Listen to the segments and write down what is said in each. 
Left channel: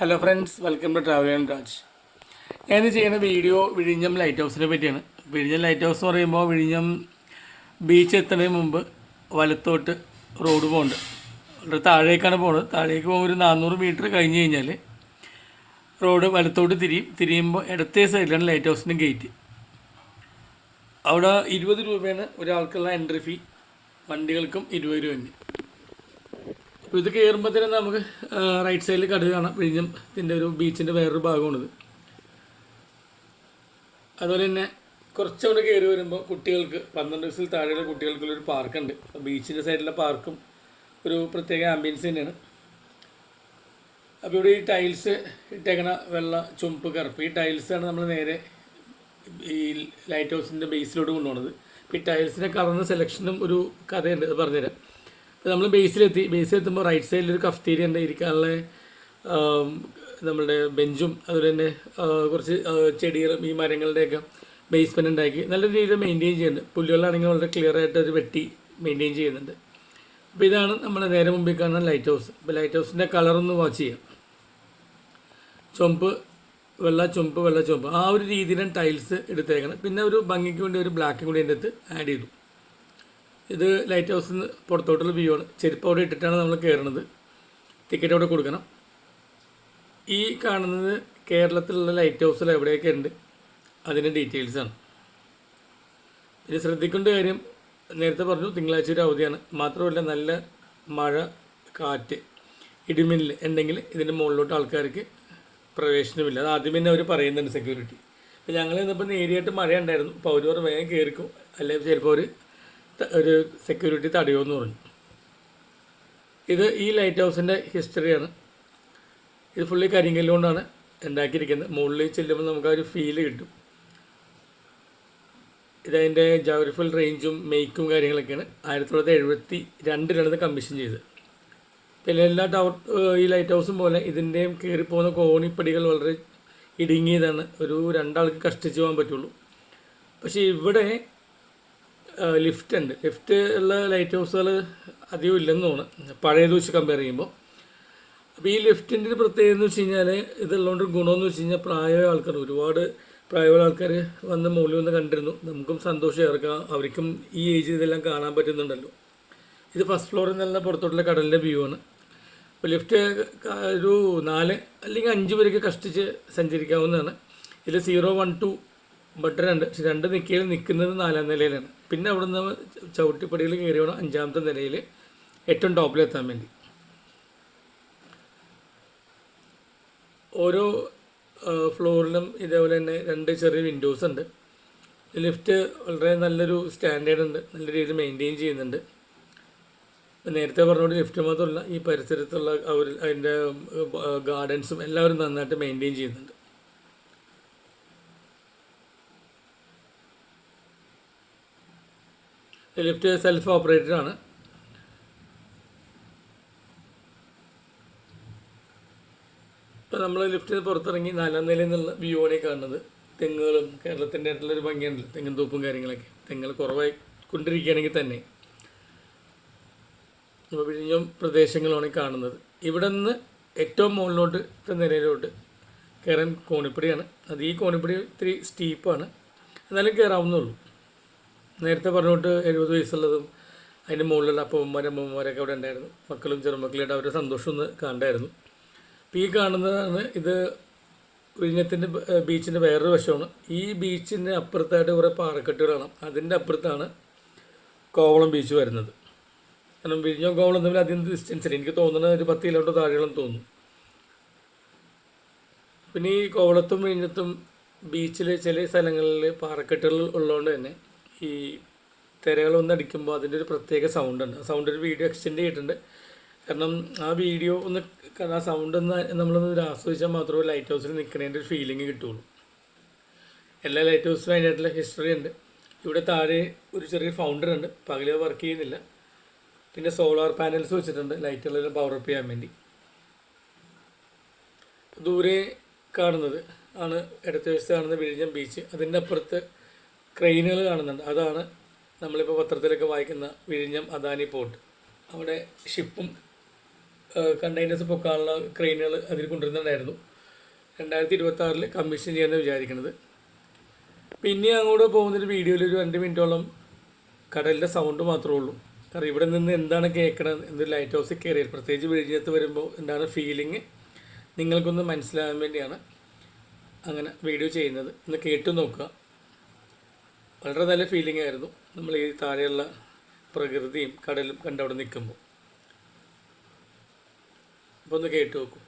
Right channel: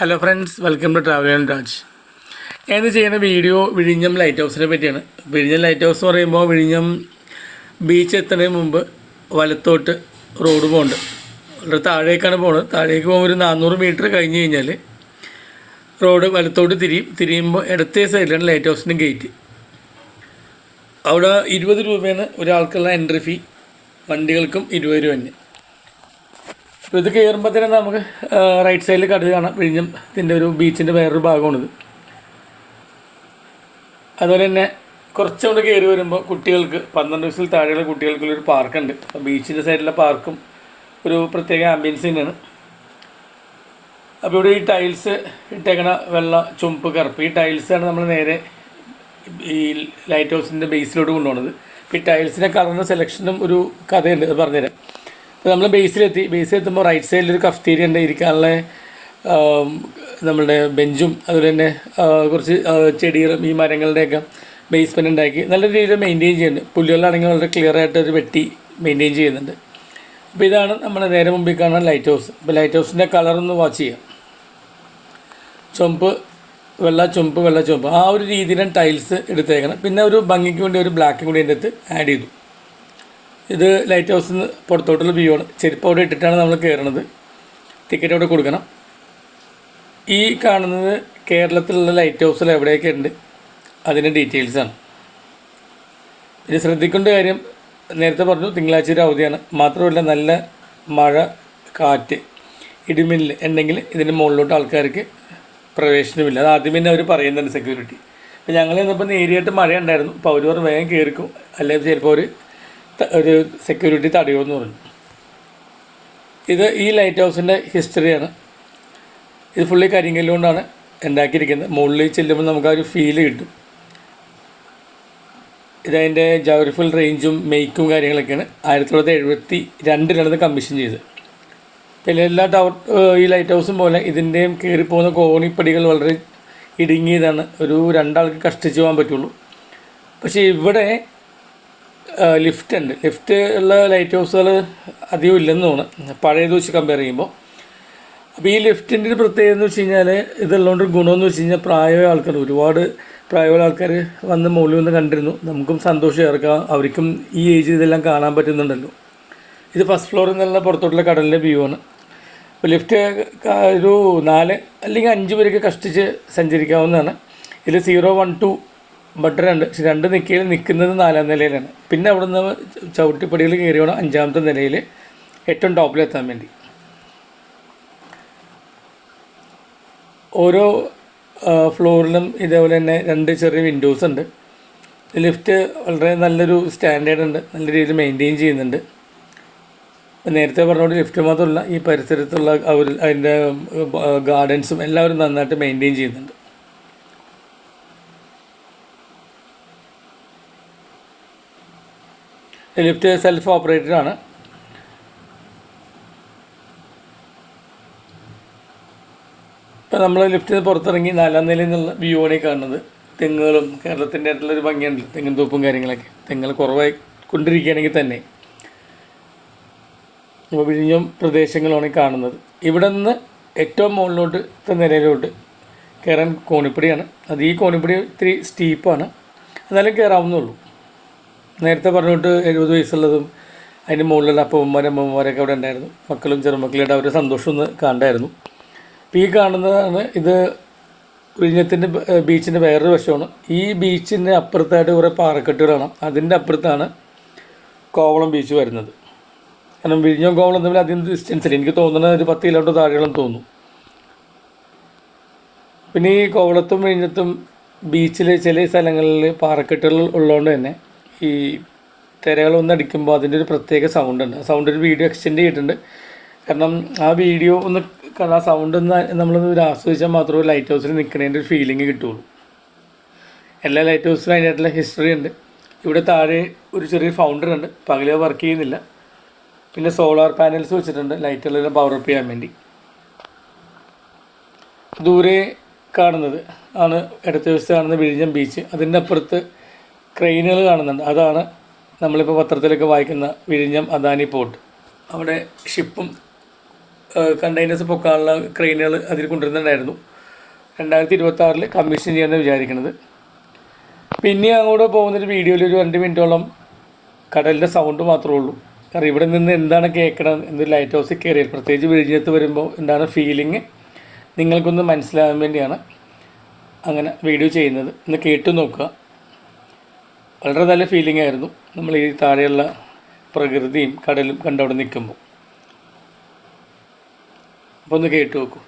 Hello friends, welcome to travel and Raj. ഞാനിത് ചെയ്യുന്ന video വിഴിഞ്ഞം ലൈറ്റ് ഹൗസിനെ പറ്റിയാണ്. വിഴിഞ്ഞം ലൈറ്റ് ഹൗസ് എന്ന് പറയുമ്പോൾ വിഴിഞ്ഞം ബീച്ച് എത്തുന്നതിന് മുമ്പ് വലത്തോട്ട് റോഡ് പോകുന്നുണ്ട്. വളരെ താഴേക്കാണ് പോകുന്നത്. താഴേക്ക് പോകുമ്പോൾ ഒരു 400 മീറ്റർ കഴിഞ്ഞ് കഴിഞ്ഞാൽ റോഡ് വലത്തോട്ട് തിരിയുമ്പോൾ ഇടത്തേ സൈഡിലാണ് ലൈറ്റ് ഹൗസിൻ്റെ ഗേറ്റ്. അവിടെ 20 രൂപയാണ് ഒരാൾക്കുള്ള എൻട്രി ഫീ, വണ്ടികൾക്കും 20 രൂപ തന്നെ. അപ്പോൾ ഇത് കയറുമ്പോൾ തന്നെ നമുക്ക് റൈറ്റ് സൈഡിൽ കടൽ കാണാം. വിഴിഞ്ഞത്തിൻ്റെ ഒരു ബീച്ചിൻ്റെ വേറൊരു ഭാഗമാണിത്. അതുപോലെ തന്നെ കുറച്ചുകൂടെ കയറി വരുമ്പോൾ കുട്ടികൾക്ക് 12 വയസ്സിൽ താഴെയുള്ള കുട്ടികൾക്കുള്ളൊരു പാർക്കുണ്ട്. അപ്പോൾ ബീച്ചിൻ്റെ സൈഡിലെ പാർക്കും ഒരു പ്രത്യേക ആംബിയൻസ് തന്നെയാണ്. അപ്പോൾ ഇവിടെ ഈ ടൈൽസ് ഇട്ടേക്കണ വെള്ള, ചുമപ്പ്, കറുപ്പ്, ഈ ടൈൽസാണ് നമ്മൾ നേരെ ഈ ലൈറ്റ് ഹൗസിൻ്റെ ബേസിലോട്ട് കൊണ്ടുപോകുന്നത്. അപ്പോൾ ഈ ടൈൽസിൻ്റെ കളറിൻ്റെ സെലക്ഷനും ഒരു കഥയുണ്ട്, അത് പറഞ്ഞുതരാം. അപ്പോൾ നമ്മൾ ബേസിലെത്തുമ്പോൾ റൈറ്റ് സൈഡിലൊരു കഫ്റ്റീരിയ ഉണ്ട്, ഇരിക്കാനുള്ള നമ്മളുടെ ബെഞ്ചും അതുപോലെ തന്നെ കുറച്ച് ചെടികളും ഈ മരങ്ങളുടെയൊക്കെ ബേസ്മെൻറ്റ് ഉണ്ടാക്കി നല്ല രീതിയിൽ മെയിൻറ്റെയിൻ ചെയ്യുന്നുണ്ട്. പുല്ലുകളാണെങ്കിൽ വളരെ ക്ലിയർ ആയിട്ട് ഒരു വെട്ടി മെയിൻറ്റെയിൻ ചെയ്യുന്നുണ്ട്. അപ്പോൾ ഇതാണ് നമ്മുടെ നേരെ മുമ്പിൽ കാണുന്ന ലൈറ്റ് ഹൗസ്. അപ്പോൾ ലൈറ്റ് ഹൗസിൻ്റെ കളറൊന്ന് വാച്ച് ചെയ്യാം. ചുമപ്പ്, വെള്ള, ചുമപ്പ്, വെള്ള, ചുമപ്പ്, ആ ഒരു രീതിയിലാണ് ടൈൽസ് എടുത്തേക്കണം. പിന്നെ ഒരു ഭംഗിക്ക് വേണ്ടി ഒരു ബ്ലാക്കും കൂടി അതിൻ്റെ അടുത്ത് ആഡ് ചെയ്തു. ഇത് ലൈറ്റ് ഹൗസിൽ നിന്ന് പുറത്തോട്ടുള്ള വ്യൂ ആണ്. ചെരുപ്പ് അവിടെ ഇട്ടിട്ടാണ് നമ്മൾ കയറുന്നത്. ടിക്കറ്റ് അവിടെ കൊടുക്കണം. ഈ കാണുന്നത് കേരളത്തിലുള്ള ലൈറ്റ് ഹൗസിൽ എവിടെയൊക്കെ ഉണ്ട് അതിൻ്റെ ഡീറ്റെയിൽസാണ്. ഇത് ശ്രദ്ധിക്കേണ്ട കാര്യം, നേരത്തെ പറഞ്ഞു തിങ്കളാഴ്ച ഒരു അവധിയാണ്. മാത്രമല്ല നല്ല മഴ, കാറ്റ്, ഇടിമിന്നൽ ഉണ്ടെങ്കിൽ ഇതിൻ്റെ മുകളിലോട്ട് ആൾക്കാർക്ക് പ്രവേശനമില്ല. അത് ആദ്യം തന്നെ അവർ പറയുന്നുണ്ട് സെക്യൂരിറ്റി. അപ്പോൾ ഞങ്ങൾ ഇന്നിപ്പോൾ നേരിയായിട്ട് മഴ ഉണ്ടായിരുന്നു. അപ്പോൾ അവർ വേഗം കയറിക്കും, അല്ലെങ്കിൽ ചിലപ്പോൾ ഒരു സെക്യൂരിറ്റി തടയുമെന്ന് പറഞ്ഞു. ഇത് ഈ ലൈറ്റ് ഹൗസിൻ്റെ ഹിസ്റ്ററിയാണ്. ഇത് ഫുള്ളി കരിങ്കല്ല് കൊണ്ടാണ് ഉണ്ടാക്കിയിരിക്കുന്നത്. മുകളിൽ ചെല്ലുമ്പോൾ നമുക്ക് ആ ഒരു ഫീല് കിട്ടും. ഇതതിൻ്റെ ജോഗ്രഫിക്കൽ റേഞ്ചും മേക്കും കാര്യങ്ങളൊക്കെയാണ്. 1972 കമ്മീഷൻ ചെയ്തത്. പിന്നെ എല്ലാ ഈ ലൈറ്റ് ഹൗസും പോലെ ഇതിൻ്റെയും കയറിപ്പോകുന്ന കോണിപ്പടികൾ വളരെ ഇടുങ്ങിയതാണ്. ഒരു 2 ആൾക്ക് കഷ്ടിച്ച് പോകാൻ പറ്റുള്ളൂ. പക്ഷേ ഇവിടെ ലിഫ്റ്റ് ഉണ്ട്. ലിഫ്റ്റ് ഉള്ള ലൈറ്റ് ഹൗസുകൾ അധികം ഇല്ലെന്ന് തോന്നുന്നു പഴയത് വെച്ച് കമ്പയർ ചെയ്യുമ്പോൾ. അപ്പോൾ ഈ ലിഫ്റ്റിൻ്റെ ഒരു പ്രത്യേകത എന്ന് വെച്ച് കഴിഞ്ഞാൽ, ഇതുള്ളതുകൊണ്ട് ഗുണമെന്ന് വെച്ച് കഴിഞ്ഞാൽ പ്രായമായ ആൾക്കാർ, ഒരുപാട് പ്രായമുള്ള ആൾക്കാർ വന്ന് മുകളിൽ വന്ന് കണ്ടിരുന്നു. നമുക്കും സന്തോഷം ചേർക്കാം, അവർക്കും ഈ ഏജിൽ ഇതെല്ലാം കാണാൻ പറ്റുന്നുണ്ടല്ലോ. ഇത് ഫസ്റ്റ് ഫ്ലോറിൽ നിന്നുള്ള പുറത്തോട്ടുള്ള കടലിൻ്റെ വ്യൂ ആണ്. അപ്പോൾ ലിഫ്റ്റ് ഒരു 4 അല്ലെങ്കിൽ 5 പേർക്ക് കഷ്ടിച്ച് സഞ്ചരിക്കാവുന്നതാണ്. ഇതിൽ 0, 1, 2 ബട്ടറുണ്ട്. പക്ഷെ 2 നിൽക്കുന്നത് 4ാം നിലയിലാണ്. പിന്നെ അവിടെ നിന്ന് ചവിട്ടിപ്പടികൾ കയറി വേണം 5ാമത്തെ നിലയിൽ ഏറ്റവും ടോപ്പിലെത്താൻ വേണ്ടി. ഓരോ ഫ്ലോറിലും ഇതേപോലെ തന്നെ 2 ചെറിയ വിൻഡോസ് ഉണ്ട്. ലിഫ്റ്റ് വളരെ നല്ലൊരു സ്റ്റാൻഡേർഡ് ഉണ്ട്, നല്ല രീതിയിൽ മെയിൻറ്റെയിൻ ചെയ്യുന്നുണ്ട്. നേരത്തെ പറഞ്ഞുകൊണ്ട് ലിഫ്റ്റ് മാത്രമല്ല, ഈ പരിസരത്തുള്ള അതിൻ്റെ ഗാർഡൻസും എല്ലാവരും നന്നായിട്ട് മെയിൻറ്റെയിൻ ചെയ്യുന്നുണ്ട്. ലിഫ്റ്റ് സെൽഫ് ഓപ്പറേറ്റഡ് ആണ്. ഇപ്പം നമ്മൾ ലിഫ്റ്റിൽ നിന്ന് പുറത്തിറങ്ങി 4ാം നിലയിൽ നിന്നുള്ള വ്യൂ ആണ് കാണുന്നത്. തെങ്ങുകളും കേരളത്തിൻ്റെ ആയിട്ടുള്ളൊരു ഭംഗിയുണ്ട്, തെങ്ങിൻ തോപ്പും കാര്യങ്ങളൊക്കെ. തെങ്ങുകൾ കുറവായി കൊണ്ടിരിക്കുകയാണെങ്കിൽ തന്നെ വിഴിഞ്ഞം പ്രദേശങ്ങളാണ് കാണുന്നത്. ഇവിടെ നിന്ന് ഏറ്റവും മുകളിലോട്ട് നിലയിലോട്ട് കയറാൻ കോണിപ്പടിയാണ്. അത് ഈ കോണിപ്പടി ഇത്തിരി സ്റ്റീപ്പാണ്, എന്നാലും കയറാവുന്നുള്ളൂ. നേരത്തെ പറഞ്ഞുകൊണ്ട് 70 വയസ്സുള്ളതും അതിൻ്റെ മുകളിലുള്ള അമ്മമാരൊക്കെ അവിടെ ഉണ്ടായിരുന്നു. മക്കളും ചെറുമക്കളുടെ അവരുടെ സന്തോഷം ഒന്ന് കണ്ടായിരുന്നു. അപ്പോൾ ഈ കാണുന്നതാണ് ഇത് വിഴിഞ്ഞത്തിൻ്റെ ബീച്ചിൻ്റെ വേറൊരു വശമാണ്. ഈ ബീച്ചിൻ്റെ അപ്പുറത്തായിട്ട് കുറേ പാറക്കെട്ടുകൾ കാണാം. അതിൻ്റെ അപ്പുറത്താണ് കോവളം ബീച്ച് വരുന്നത്. കാരണം വിഴിഞ്ഞം കോവളം തമ്മിൽ അധികം ഡിസ്റ്റൻസില്ല, എനിക്ക് തോന്നുന്നത് ഒരു 10 കിലോമീറ്റർ താഴെയോളം തോന്നും. പിന്നെ ഈ കോവളത്തും വിഴിഞ്ഞത്തും ബീച്ചിൽ ചില സ്ഥലങ്ങളിൽ പാറക്കെട്ടുകൾ ഉള്ളതുകൊണ്ട് തന്നെ ഈ തിരകളൊന്നടിക്കുമ്പോൾ അതിൻ്റെ ഒരു പ്രത്യേക സൗണ്ടുണ്ട്. ആ സൗണ്ട് ഒരു വീഡിയോ എക്സ്റ്റെൻഡ് ചെയ്തിട്ടുണ്ട്. കാരണം ആ വീഡിയോ ഒന്ന് ആ സൗണ്ട് നമ്മളൊന്ന് ആസ്വദിച്ചാൽ മാത്രമേ ലൈറ്റ് ഹൗസിൽ നിൽക്കുന്നതിൻ്റെ ഒരു ഫീലിംഗ് കിട്ടുള്ളൂ. എല്ലാ ലൈറ്റ് ഹൗസിലും അതിനായിട്ടുള്ള ഹിസ്റ്ററി ഉണ്ട്. ഇവിടെ താഴെ ഒരു ചെറിയ ഫൗണ്ടർ ഉണ്ട്, പകല് വർക്ക് ചെയ്യുന്നില്ല. പിന്നെ സോളാർ പാനൽസ് വെച്ചിട്ടുണ്ട് ലൈറ്റുകളെല്ലാം പവർ അപ്പ് ചെയ്യാൻ വേണ്ടി. ദൂരെ കാണുന്നത് ആണ് ഇടത്തെ വശത്ത് കാണുന്ന വിഴിഞ്ഞം ബീച്ച്. അതിൻ്റെ അപ്പുറത്ത് ക്രെയിനുകൾ കാണുന്നുണ്ട്. അതാണ് നമ്മളിപ്പോൾ പത്രത്തിലൊക്കെ വായിക്കുന്ന വിഴിഞ്ഞം അദാനി പോർട്ട്. അവിടെ ഷിപ്പും കണ്ടെയ്നേഴ്സ് പൊക്കാനുള്ള ക്രെയിനുകൾ അതിൽ കൊണ്ടുവരുന്നുണ്ടായിരുന്നു. 2026 കമ്മീഷൻ ചെയ്യാമെന്ന് വിചാരിക്കുന്നത്. പിന്നെ അങ്ങോട്ട് പോകുന്നൊരു വീഡിയോയിൽ ഒരു 2 മിനിറ്റോളം കടലിൻ്റെ സൗണ്ട് മാത്രമേ ഉള്ളൂ. കാരണം ഇവിടെ നിന്ന് എന്താണ് കേൾക്കണം എന്ന് ലൈറ്റ് ഹൗസിൽ കയറിയാൽ, പ്രത്യേകിച്ച് വിഴിഞ്ഞത്ത് വരുമ്പോൾ എന്താണ് ഫീലിംഗ് നിങ്ങൾക്കൊന്ന് മനസ്സിലാകാൻ വേണ്ടിയാണ് അങ്ങനെ വീഡിയോ ചെയ്യുന്നത്. ഒന്ന് കേട്ടു നോക്കുക. വളരെ നല്ല ഫീലിംഗ് ആയിരുന്നു നമ്മൾ ഈ താഴെയുള്ള പ്രകൃതിയും കടലും കണ്ടവിടെ നിൽക്കുമ്പോൾ. അപ്പോൾ ഒന്ന് കേട്ടു നോക്കൂ.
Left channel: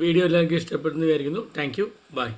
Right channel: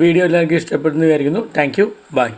വീഡിയോ എല്ലാവർക്കും ഇഷ്ടപ്പെടുന്നു വിചാരിക്കുന്നു. Thank you. ബൈ.